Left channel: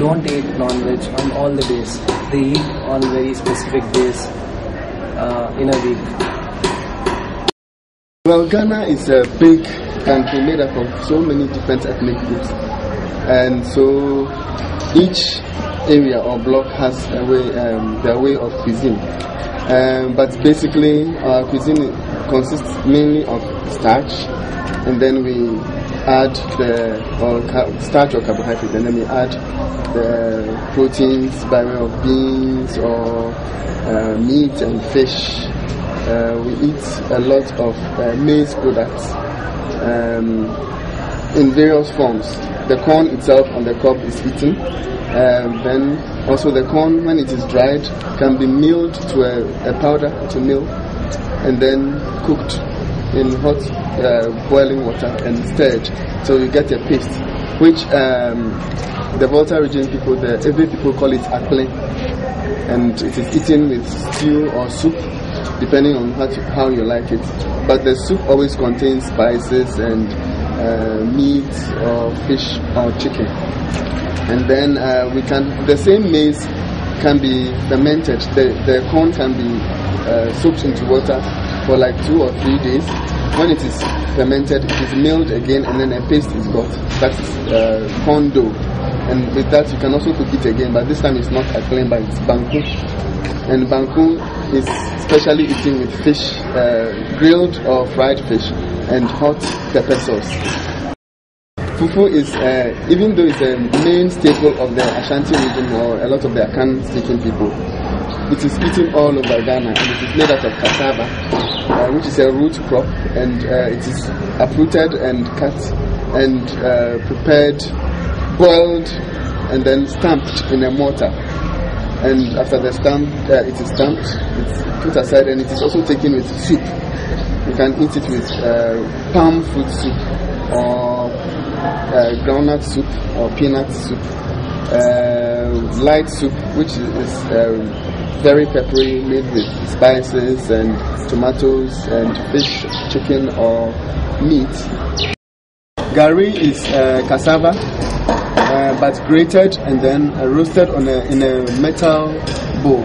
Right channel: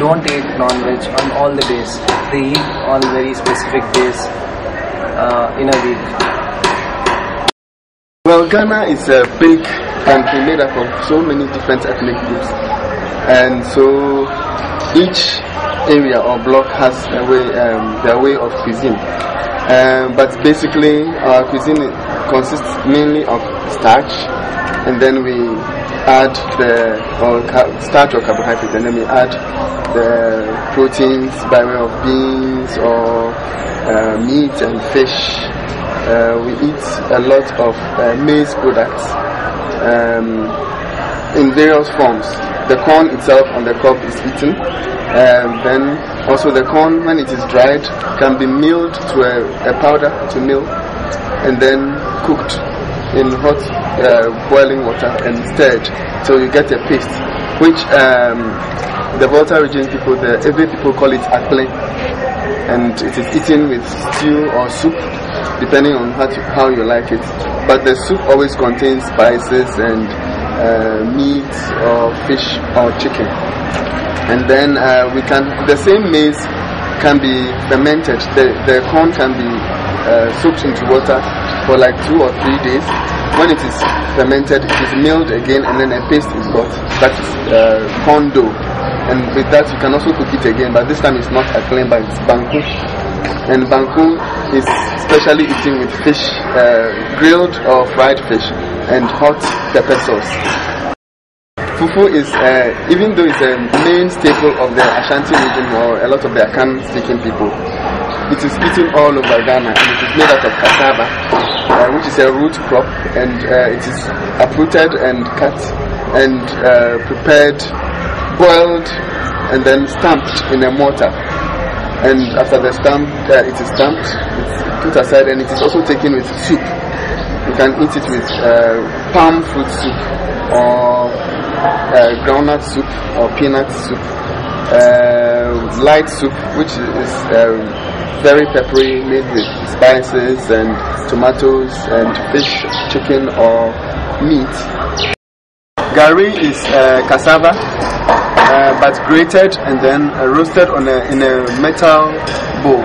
don't eat non-veg on all the days. They eat on very specific days in a week. Well, Ghana is a big country made up of so many different ethnic groups, and so each area or block has a way, their way of cuisine. But basically, our cuisine consists mainly of starch, and then we add starch or carbohydrate, and then we add the proteins by way of beans or meat and fish. We eat a lot of maize products in various forms. The corn itself on the crop is eaten. Then also the corn, when it is dried, can be milled to a powder, to mill, and then cooked in hot boiling water and stirred so you get a paste, which the Volta region people, the Ebe people, call it akple, and it is eaten with stew or soup depending on how you like it. But the soup always contains spices and meat or fish or chicken. And then the same maize can be fermented. The corn can be soaked into water for like 2 or 3 days. When it is fermented, it is milled again, and then a paste is got. That is corn dough. And with that, you can also cook it again, but this time it's not a plain, but it's banku. And banku is specially eaten with fish, grilled or fried fish, and hot pepper sauce. Fufu is, even though it's a main staple of the Ashanti region or a lot of the Akan-speaking people, it is eaten all over Ghana, and it is made out of cassava, which is a root crop, and it is uprooted and cut and prepared, boiled, and then stamped in a mortar. And after the stamp, it is stamped, it's put aside, and it is also taken with soup. You can eat it with palm fruit soup or groundnut soup or peanut soup, light soup, which is very peppery, made with spices and tomatoes and fish, chicken or meat. Gari is cassava, but grated and then roasted in a metal bowl.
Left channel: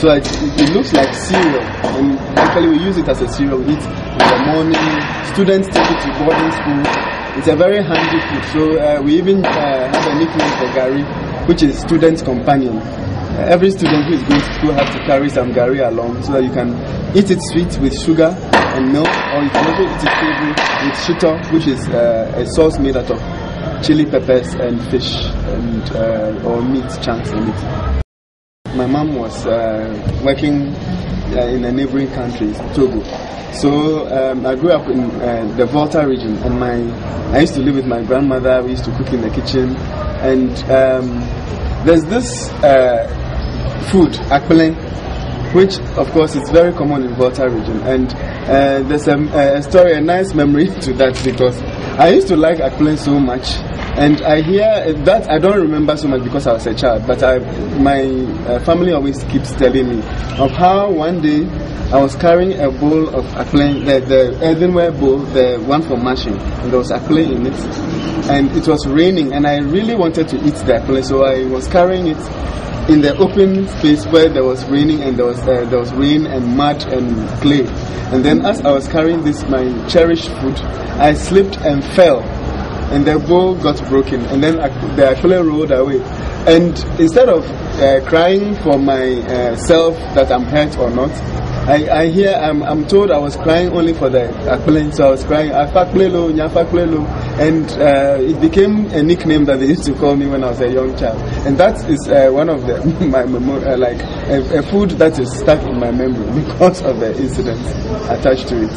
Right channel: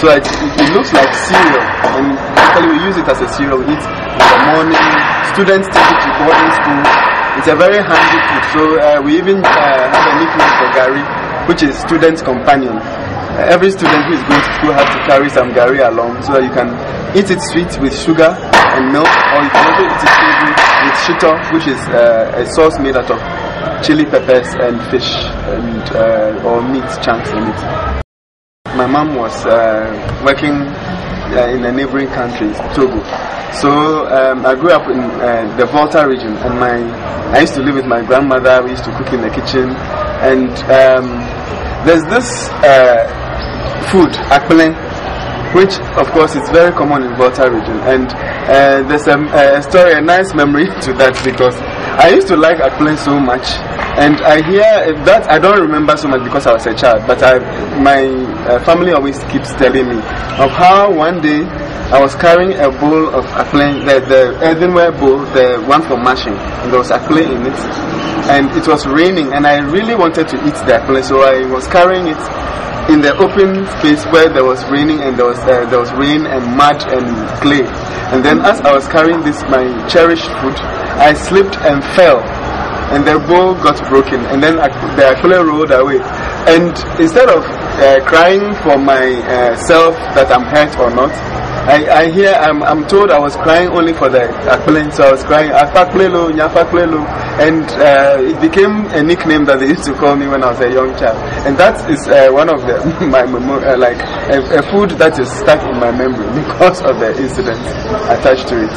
So it looks like cereal, and basically we use it as a cereal. We eat in the morning. Students take it to boarding school. It's a very handy food. So we even have a nickname for gari, which is student's companion. Every student who is going to school has to carry some gari along, so that you can eat it sweet with sugar and milk, or you can also eat it savory with shito, which is a sauce made out of chili peppers and fish and or meat chunks in it. My mom was working in a neighboring country, Togo. So I grew up in the Volta region, and I used to live with my grandmother. We used to cook in the kitchen, and there's this food, akple, which of course is very common in Volta region, and there's a story, a nice memory to that, because I used to like akple so much, and I hear that I don't remember so much because I was a child, but my family always keeps telling me of how one day I was carrying a bowl of akple, the earthenware bowl, the one for mashing, and there was akple in it, and it was raining, and I really wanted to eat the akple, so I was carrying it in the open space where there was raining, and there was rain and mud and clay. And then as I was carrying this, my cherished food, I slipped and fell, and the bowl got broken, and then the akple rolled away. And instead of crying for myself that I'm hurt or not, I'm told I was crying only for the akple, so I was crying afaklelo, nyafaklelo, and it became a nickname that they used to call me when I was a young child. And that is one of my like a food that is stuck in my memory because of the incident attached to it.